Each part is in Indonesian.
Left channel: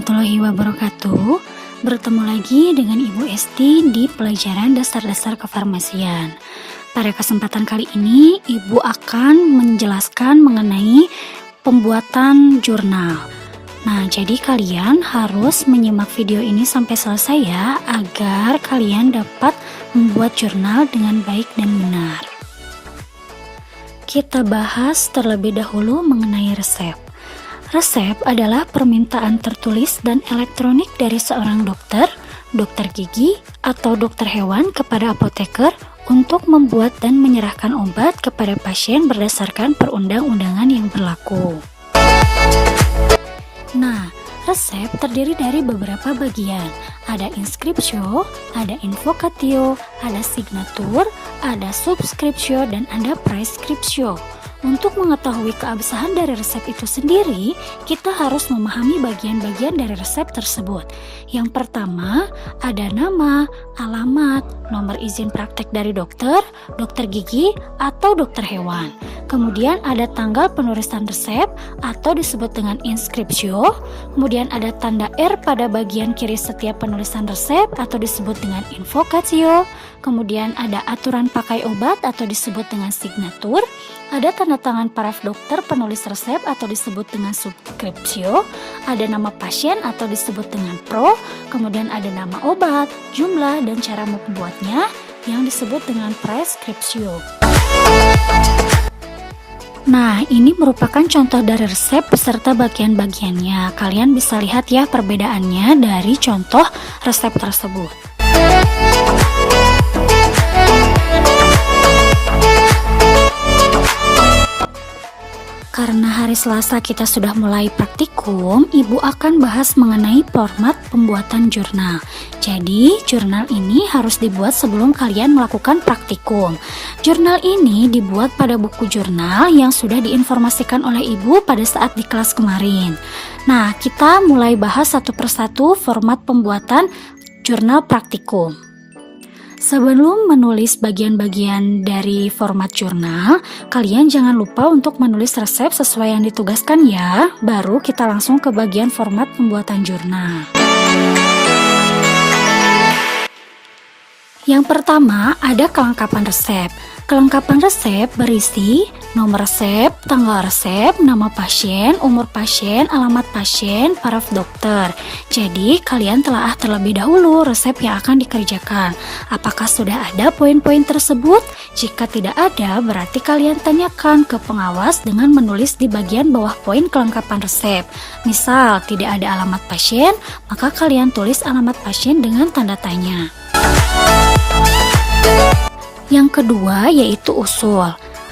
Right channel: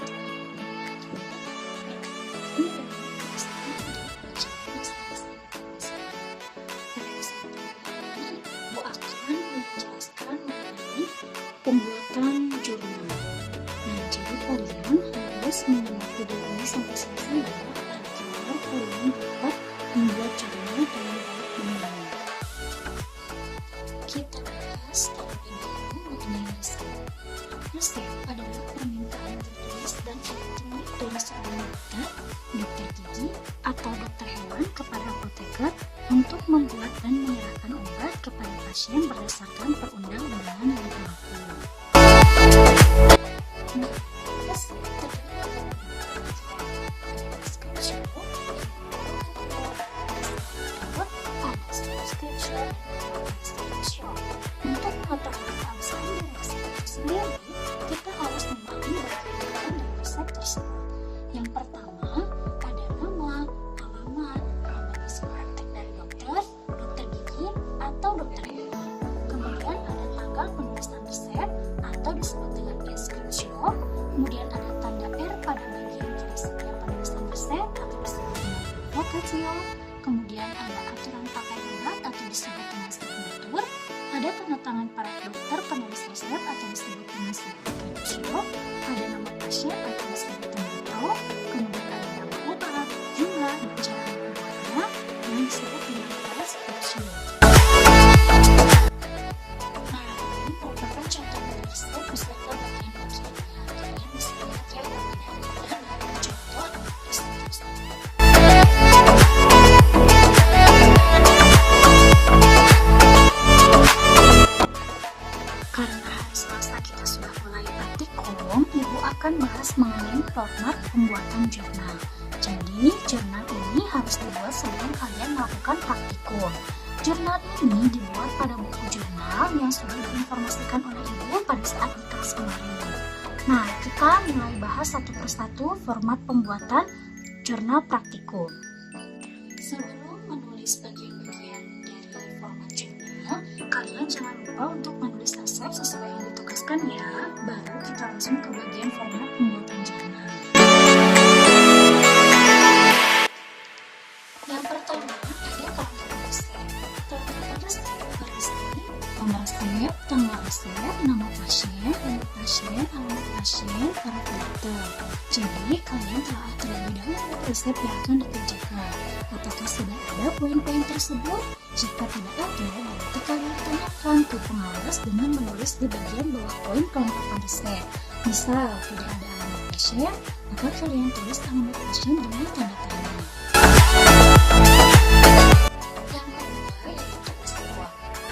warahmatullahi wabarakatuh. Bertemu lagi dengan Ibu Esti di pelajaran dasar-dasar kefarmasian. Pada kesempatan kali ini, Ibu akan menjelaskan mengenai pembuatan jurnal. Nah, jadi kalian harus menyimak video ini sampai selesai ya, agar kalian dapat membuat jurnal dengan baik dan benar. Kita bahas terlebih dahulu mengenai resep. Resep adalah permintaan tertulis dan elektronik dari seorang dokter, dokter gigi, atau dokter hewan kepada apoteker untuk membuat dan menyerahkan obat kepada pasien berdasarkan perundang-undangan yang berlaku. Nah, resep terdiri dari beberapa bagian. Ada inscriptio, ada invocatio, ada signatur, ada subscriptio, dan ada prescriptio. Untuk mengetahui keabsahan dari resep itu sendiri, kita harus memahami bagian-bagian dari resep tersebut. Yang pertama, ada nama, alamat, nomor izin praktek dari dokter, dokter gigi, atau dokter hewan. Kemudian ada tanggal penulisan resep atau disebut dengan inscriptio. Kemudian ada tanda R pada bagian kiri setiap penulisan resep atau disebut dengan invocatio. Kemudian ada aturan pakai obat atau disebut dengan signatur. Ada tanda tangan paraf dokter penulis resep atau disebut dengan subscriptio. Ada nama pasien atau disebut dengan pro. Kemudian ada nama obat, jumlah, dan cara membuatnya yang disebut dengan prescriptio. Nah, ini merupakan contoh dari resep beserta bagian-bagiannya. Kalian bisa lihat ya perbedaannya dari contoh resep tersebut. Karena hari Selasa kita sudah mulai praktikum, Ibu akan bahas mengenai format pembuatan jurnal. Jadi, jurnal ini harus dibuat sebelum kalian melakukan praktikum. Jurnal ini dibuat pada buku jurnal yang sudah diinformasikan oleh Ibu pada saat di kelas kemarin. Nah, kita mulai bahas satu persatu format pembuatan jurnal praktikum. Sebelum menulis bagian-bagian dari format jurnal, kalian jangan lupa untuk menulis resep sesuai yang ditugaskan ya. Baru kita langsung ke bagian format pembuatan jurnal. Yang pertama, ada kelengkapan resep. Kelengkapan resep berisi nomor resep, tanggal resep, nama pasien, umur pasien, alamat pasien, paraf dokter. Jadi, kalian telaah terlebih dahulu resep yang akan dikerjakan. Apakah sudah ada poin-poin tersebut? Jika tidak ada, berarti kalian tanyakan ke pengawas dengan menulis di bagian bawah poin kelengkapan resep. Misal, tidak ada alamat pasien, maka kalian tulis alamat pasien dengan tanda tanya. Yang kedua yaitu usul.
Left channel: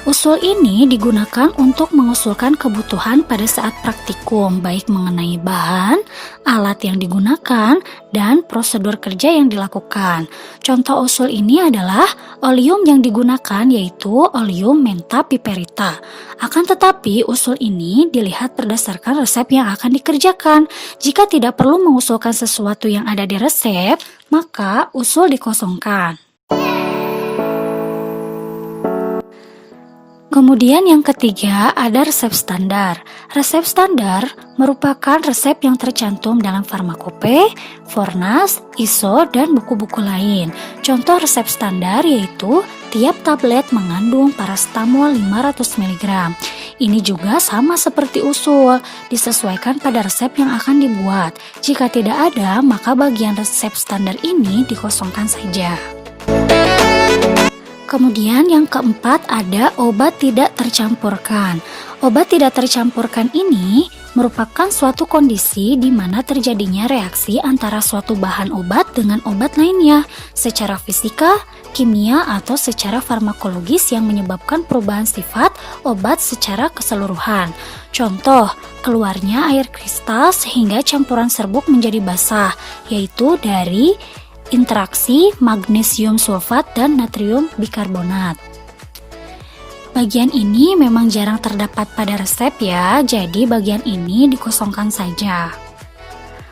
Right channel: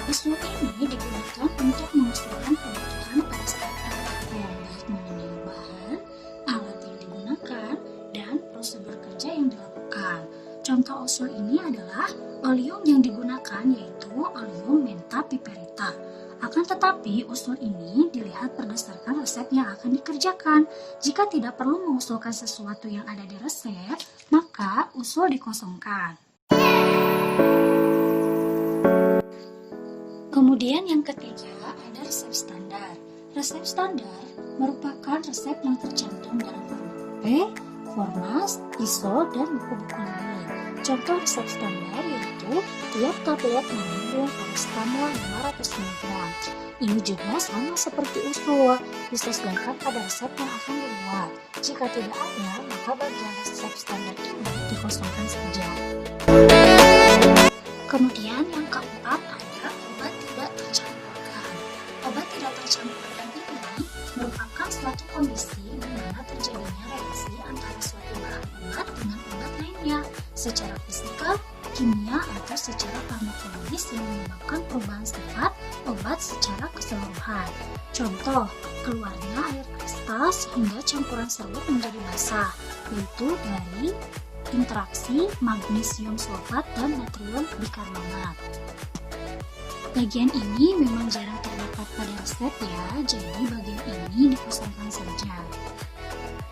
Usul ini digunakan untuk mengusulkan kebutuhan pada saat praktikum, baik mengenai bahan, alat yang digunakan, dan prosedur kerja yang dilakukan. Contoh usul ini adalah oleum yang digunakan yaitu oleum menta piperita. Akan tetapi usul ini dilihat berdasarkan resep yang akan dikerjakan. Jika tidak perlu mengusulkan sesuatu yang ada di resep, maka usul dikosongkan. Kemudian yang ketiga ada resep standar. Resep standar merupakan resep yang tercantum dalam farmakope, Fornas, ISO, dan buku-buku lain. Contoh resep standar yaitu tiap tablet mengandung paracetamol 500 mg. Ini juga sama seperti usul, disesuaikan pada resep yang akan dibuat. Jika tidak ada, maka bagian resep standar ini dikosongkan saja. Kemudian yang keempat ada obat tidak tercampurkan. Obat tidak tercampurkan ini merupakan suatu kondisi di mana terjadinya reaksi antara suatu bahan obat dengan obat lainnya secara fisika, kimia, atau secara farmakologis yang menyebabkan perubahan sifat obat secara keseluruhan. Contoh, keluarnya air kristal sehingga campuran serbuk menjadi basah, yaitu dari interaksi magnesium sulfat dan natrium bikarbonat. Bagian ini memang jarang terdapat pada resep ya, jadi bagian ini dikosongkan saja.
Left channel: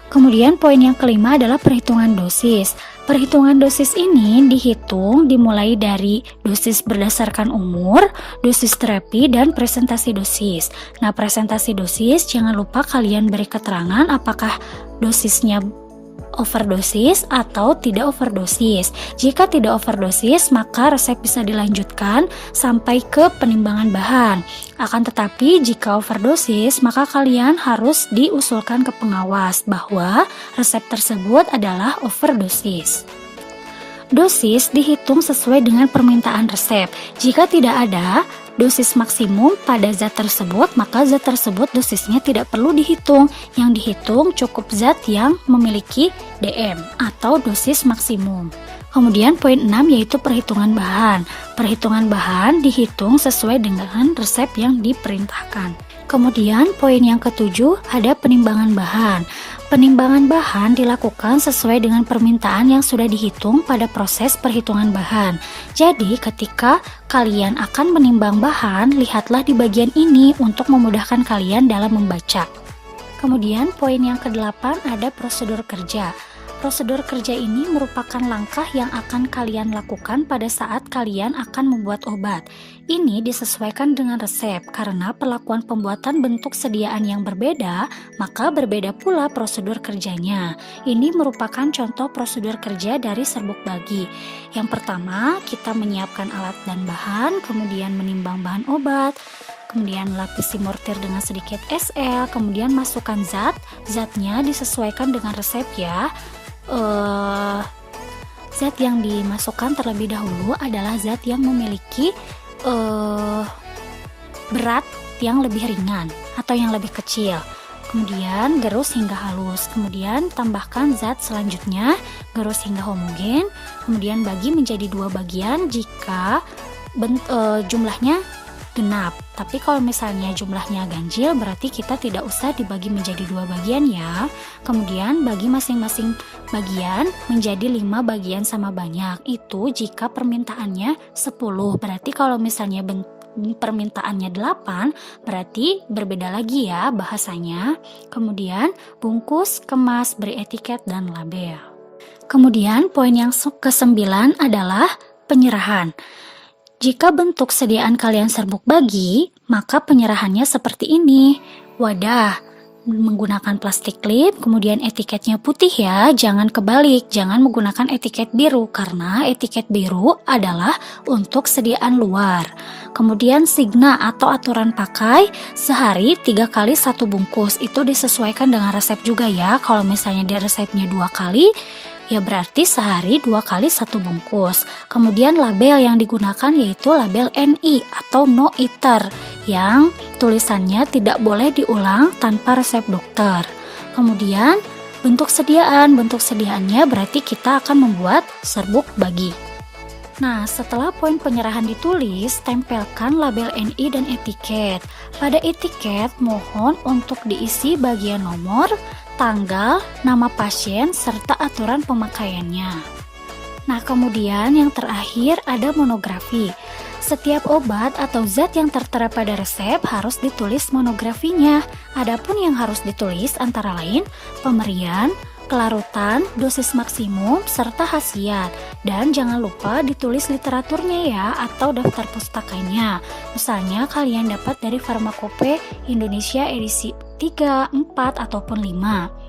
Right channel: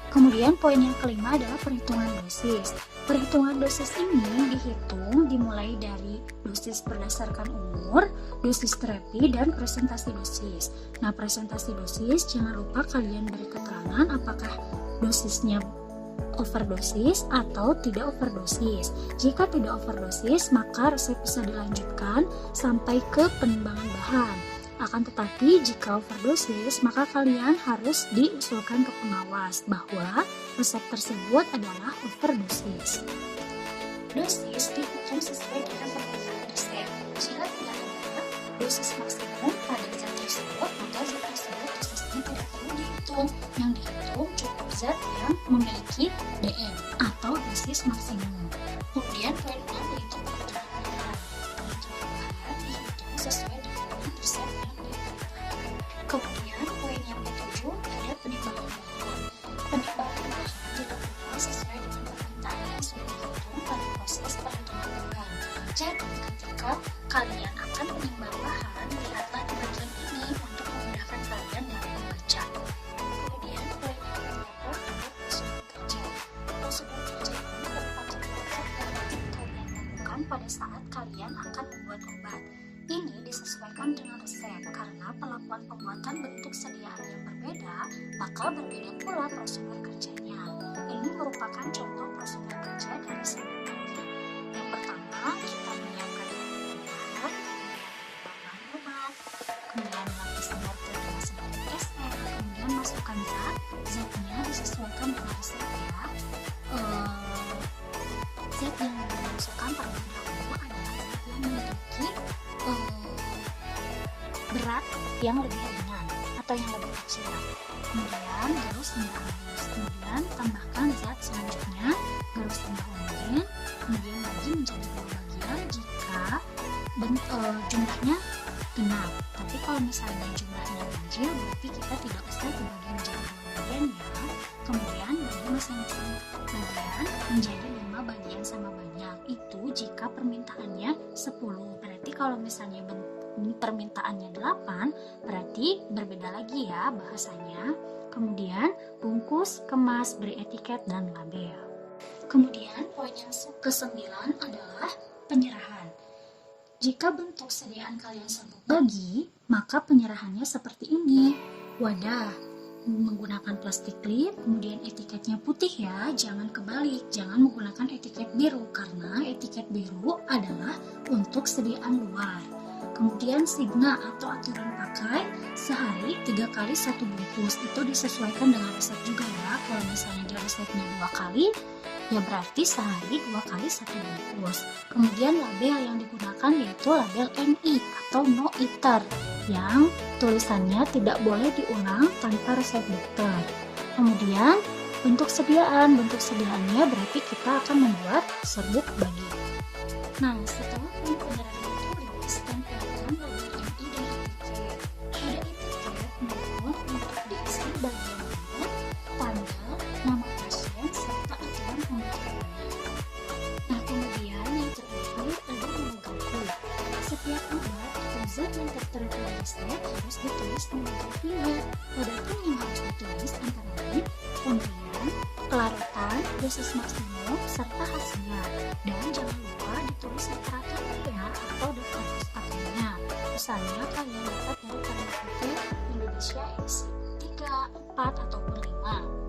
Kemudian poin yang kelima adalah perhitungan dosis. Perhitungan dosis ini dihitung dimulai dari dosis berdasarkan umur, dosis terapi, dan presentasi dosis. Nah, presentasi dosis jangan lupa kalian beri keterangan apakah dosisnya overdosis atau tidak overdosis. Jika tidak overdosis, maka resep bisa dilanjutkan sampai ke penimbangan bahan. Akan tetapi jika overdosis, maka kalian harus diusulkan ke pengawas bahwa resep tersebut adalah overdosis. Dosis dihitung sesuai dengan permintaan resep. Jika tidak ada dosis maksimum pada zat tersebut, maka zat tersebut dosisnya tidak perlu dihitung. Yang dihitung cukup zat yang memiliki DM atau dosis maksimum. Kemudian poin 6 yaitu perhitungan bahan. Perhitungan bahan dihitung sesuai dengan resep yang diperintahkan. Kemudian poin yang ketujuh ada penimbangan bahan. Penimbangan bahan dilakukan sesuai dengan permintaan yang sudah dihitung pada proses perhitungan bahan. Jadi, ketika kalian akan menimbang bahan, lihatlah di bagian ini untuk memudahkan kalian dalam membaca. Kemudian, poin yang ke-8 ada prosedur kerja. Prosedur kerja ini merupakan langkah yang akan kalian lakukan pada saat kalian akan membuat obat. Ini disesuaikan dengan resep karena perlakuan pembuatan bentuk sediaan yang berbeda, maka berbeda pula prosedur kerjanya. Ini merupakan contoh prosedur kerja dari serbuk bagi. Yang pertama, kita menyiapkan alat dan bahan, kemudian menimbang bahan obat, kemudian lapisi mortir dengan sedikit SL, kemudian masukkan zat. Zatnya disesuaikan dengan resep ya. Zat yang dimasukkan terlebih dahulu adalah zat yang memiliki berat yang lebih ringan atau yang lebih kecil. Kemudian gerus hingga halus. Kemudian tambahkan zat selanjutnya, gerus hingga homogen. Kemudian bagi menjadi 2 bagian jika jumlahnya genap. Tapi kalau misalnya jumlahnya ganjil, berarti kita tidak usah dibagi menjadi 2 bagian ya. Kemudian bagi masing-masing bagian menjadi 5 bagian sama banyak. Itu jika permintaannya 10. Berarti kalau misalnya permintaannya 8, berarti berbeda lagi ya bahasanya. Kemudian bungkus, kemas, beri etiket dan label. Kemudian poin yang ke-9 adalah penyerahan. Jika bentuk sediaan kalian serbuk bagi, maka penyerahannya seperti ini. Wadah menggunakan plastik klip, kemudian etiketnya putih ya, jangan kebalik, jangan menggunakan etiket biru karena etiket biru adalah untuk sediaan luar. Kemudian signa atau aturan pakai sehari 3 kali 1 bungkus, itu disesuaikan dengan resep juga ya. Kalau misalnya di resepnya 2 kali, ya berarti sehari 2 kali 1 bungkus. Kemudian label yang digunakan yaitu label NI atau no eater yang tulisannya tidak boleh diulang tanpa resep dokter. Kemudian bentuk sediaannya berarti kita akan membuat serbuk bagi. Nah, setelah poin penyerahan ditulis, tempelkan label NI dan etiket. Pada etiket, mohon untuk diisi bagian nomor, tanggal, nama pasien, serta aturan pemakaiannya. Nah, kemudian yang terakhir ada monografi. Setiap obat atau zat yang tertera pada resep harus ditulis monografinya. Adapun yang harus ditulis antara lain pemberian, kelarutan, dosis maksimum, serta khasiat. Dan jangan lupa ditulis literaturnya ya atau daftar pustakanya. Misalnya kalian dapat dari Farmakope Indonesia edisi 3, 4, ataupun 5.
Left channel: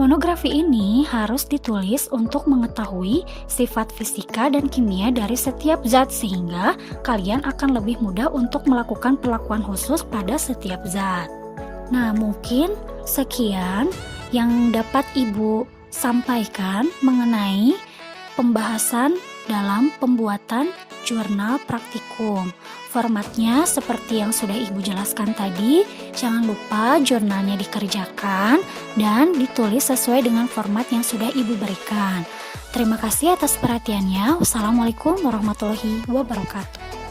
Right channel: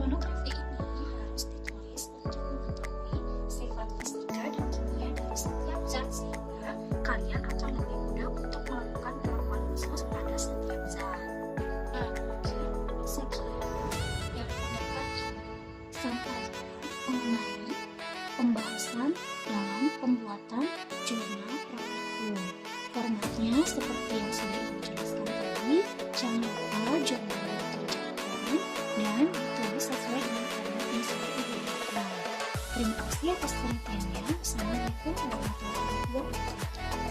Monografi ini harus ditulis untuk mengetahui sifat fisika dan kimia dari setiap zat sehingga kalian akan lebih mudah untuk melakukan perlakuan khusus pada setiap zat. Nah, mungkin sekian yang dapat Ibu sampaikan mengenai pembahasan dalam pembuatan jurnal praktikum. Formatnya seperti yang sudah Ibu jelaskan tadi, jangan lupa jurnalnya dikerjakan dan ditulis sesuai dengan format yang sudah Ibu berikan. Terima kasih atas perhatiannya. Wassalamualaikum warahmatullahi wabarakatuh.